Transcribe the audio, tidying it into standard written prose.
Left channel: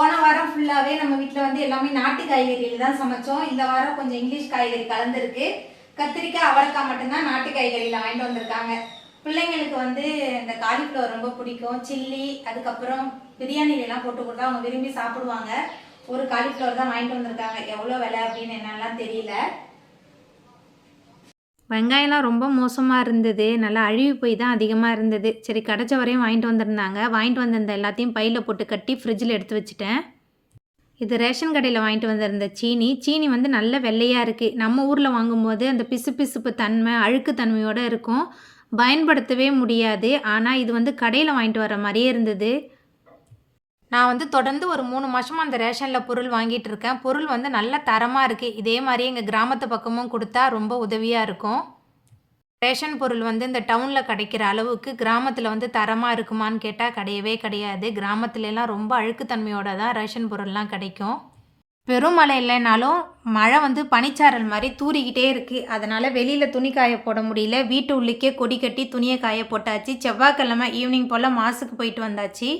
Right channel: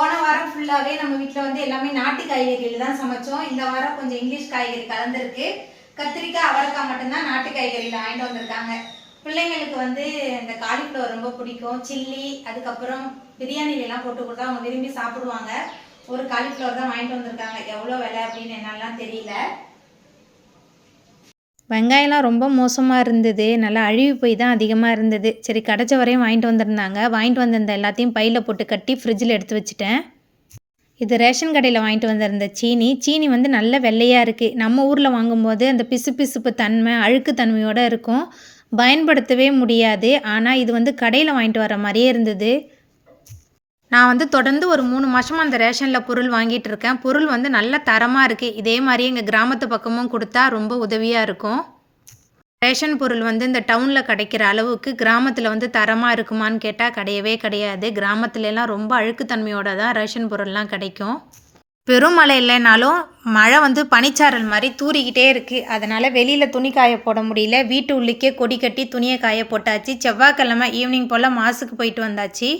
போன வாரம் ஃபுல்லாகவே நம்ம வீட்டில் வந்து எல்லாமே நாட்டு காய்கறியில் தான் சமைச்சோம். இந்த வாரம் கொஞ்சம் இங்கிலீஷ் காய்கறி கலந்துருக்கு. கத்திரிக்காய் அவரைக்காய் மட்டும்தான் நாட்டு காய்கறியில் வாங்கிட்டு வந்திருக்காங்க. பிள்ளைங்களுக்கு வந்து இந்த காலிஃப்ளவர் ரொம்ப பிடிக்கும். சில்லி அதுக்கப்புறம் பிரியாணிலெலாம் போட்டு கொடுத்தா அவங்க விரும்பி சாப்பிடுவாங்க. ஒரு காலிஃப்ளவர் தான் வாங்கிட்டு வந்திருக்காங்க. எவ்வளோ விலை அப்படின்னு என்னெல்லாம் தெரியல. வெங்காயம்லாம் ரொம்ப மோசமாக இருந்தது. நல்லா அழுகி போய் தான் அதிகமாக இருந்தது. சரி கிடைச்ச வரையும் வாங்கிட்டு வந்திருந்தாங்க. வாங்கிட்டு வந்திருந்த எல்லாத்தையும் பையில் போட்டு கட்டி ஃப்ரிட்ஜில் எடுத்து வச்சுட்டேன். இது ரேஷன் கடையில் வாங்கிட்டு வந்திருந்த சீனி வந்து நல்ல வெள்ளையாக இருக்குது. நம்ம ஊரில் வாங்கும்போது அந்த பிசுபிசுப்பு தன்மை அழுக்கு தன்மையோடு இருக்கும், பயன்படுத்தவே முடியாது. ஆனால் இது வந்து கடையில் வாங்கிட்டு வர மாதிரியே இருந்தது. நான் வந்து தொடர்ந்து ஒரு 3 மாதமாக அந்த ரேஷனில் பொருள் வாங்கிட்டு இருக்கேன். பொருள் வந்து நல்ல தரமாக இருக்குது. இதே மாதிரியே எங்கள் கிராமத்து பக்கமும் கொடுத்தா ரொம்ப உதவியாக இருக்கும். ரேஷன் பொருள் வந்து இந்த டவுனில் கிடைக்கிற அளவுக்கு கிராமத்தில் வந்து தரமாக இருக்குமான்னு கேட்டால் கிடையவே கிடையாது. கிராமத்துலலாம் ரொம்ப அழுக்குத்தன்மையோடு தான் ரேஷன் பொருள்லாம் கிடைக்கும். பெரும் மழை இல்லைனாலும் மழை வந்து பனிச்சாரல் மாதிரி தூறிக்கிட்டே இருக்குது. அதனால் வெளியில் துணி காய போட முடியல. வீட்டு உள்ளிக்கே கொடி கட்டி துணியை காய போட்டாச்சு. செவ்வாய்க்கிழமை ஈவினிங் போல் மாஸுக்கு போயிட்டு வந்தாச்சு.